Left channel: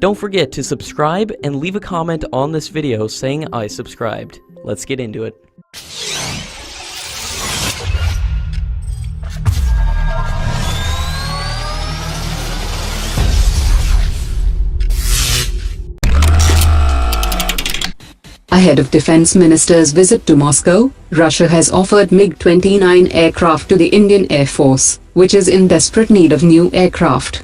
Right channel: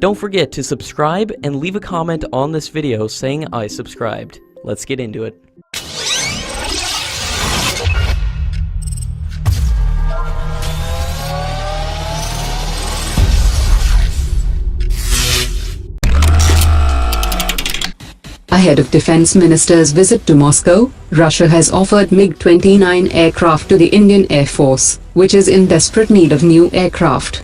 Don't forget to subscribe and leave a comment on this video saying I subscribed. Let's get into it. Ahead of Defense Minister's visit to Moscow, Russia has offered Mig-29 aircraft to the Indian Air Force, which is in desperate need of new aircraft.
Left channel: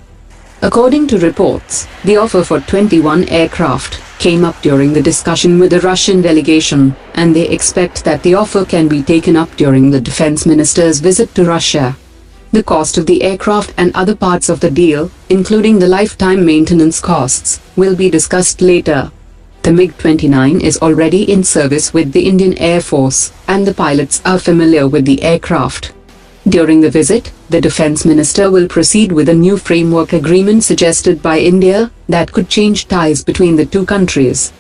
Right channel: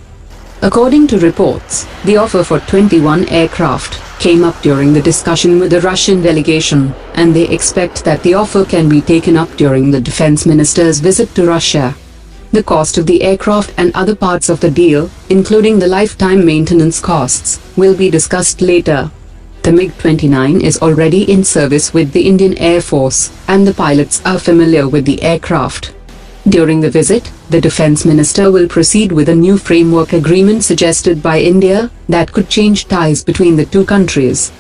According to reports, the offer for 21 aircraft came up during the discussion with the Russian delegation, and they expect that the offer can be taken up during the Defense Minister's visit to Russia. The cost of the aircraft and other parts of the deal, including the lifetime maintenance costs, will be discussed later. The Mig-29 is already in service with the Indian Air Force, and the pilots are familiar with the aircraft. During the visit, the Defense Minister will proceed with a new framework agreement suggested by India that could change ties between the two countries.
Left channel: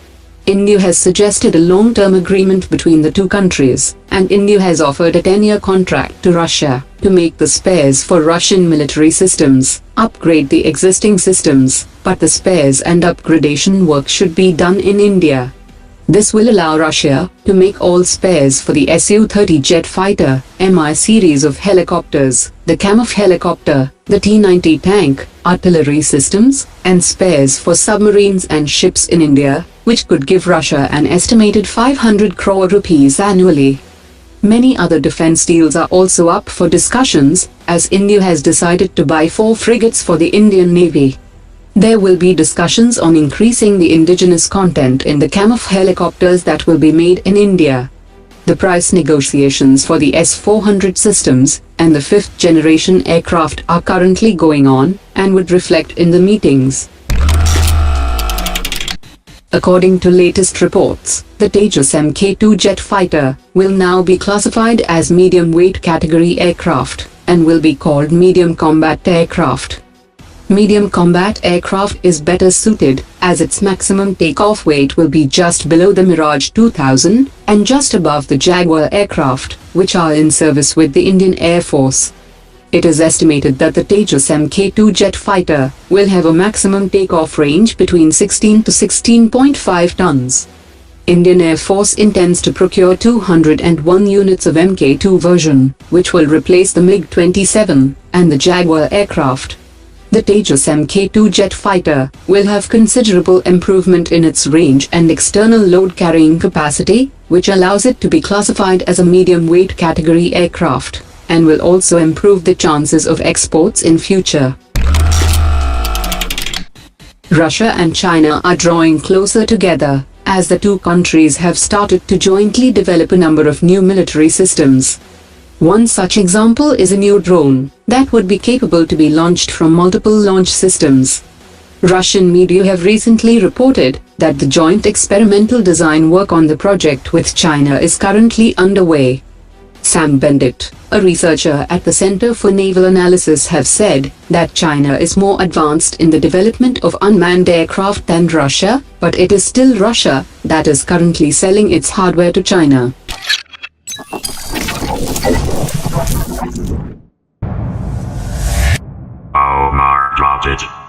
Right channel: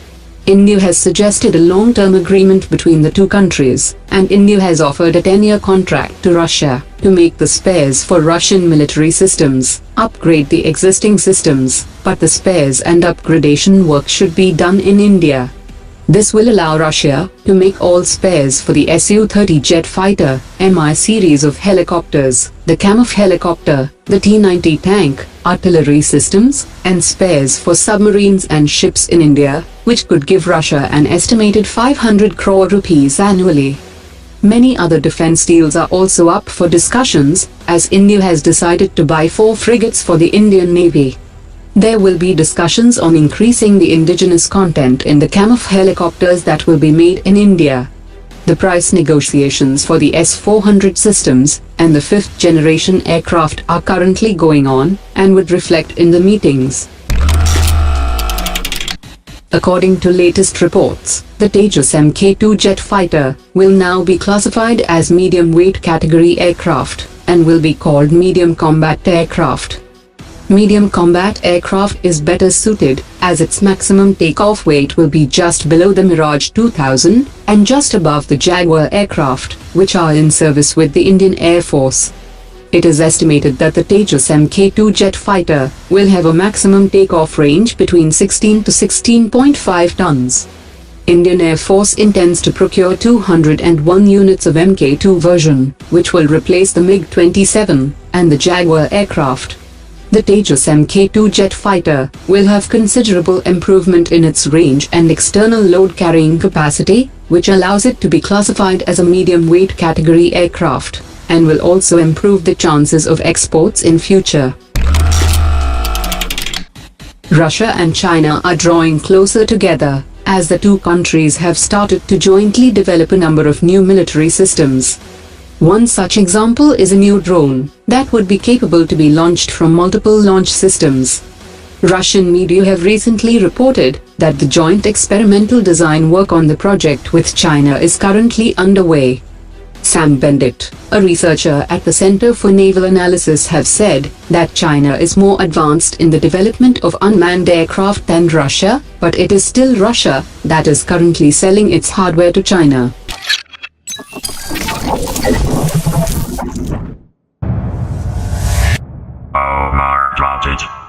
India has suggested a long-term agreement between the two countries, and India has offered a 10-year contract to Russia to make the spares for Russian military systems, upgrade the existing systems, but the spares and upgradation work should be done in India. This will allow Russia to make all spares for the Su-30 jet fighter, Mi series of helicopters, the Kamov helicopter, the T-90 tank, artillery systems, and spares for submarines and ships in India, which could give Russia an estimated 500 crore rupees annually. Many other defense deals are also up for discussions, as India has decided to buy 4 frigates for the Indian Navy. There will be discussions on increasing the indigenous content in the Kamov helicopters that will be made in India. The price negotiations for the S-400 systems and the 5th generation aircraft are currently going on and would reflect in the meetings. According to latest reports, the Tejas MK-2 jet fighter will now be classified as medium-weight category aircraft and will be called medium combat aircraft. Medium combat aircraft is better suited, as its maximum takeoff weight will be just below the Mirage 2000 and just above the Jaguar aircraft, which are in service with the Indian Air Force. It is estimated that the Tejas MK2 jet fighter will have a maximum takeoff range between 16 to 16.5 tons. Indian Air Force intends to procure 201 units of MK2 version, which will replace the MiG-27 and the Jaguar aircraft. The Tejas MK2 jet fighter will have considerable improvement in its range and external load carrying capacity, which allows it to be classified as a medium-weight category aircraft, and will also improve the chances of exports in future. Russia and China are drawing closer together, as the two countries have started to jointly develop a number of new military systems. One such example is a new drone that would be capable to be launched from multiple launch systems. Russian media have recently reported that the joint experimental design work on the project with China is currently underway. Sam Bendit, a researcher at the Center for Naval Analysis, have said that China is more advanced in the development of unmanned aircraft than Russia, but it is still Russia that is currently selling its hardware to China. Omar dropped it.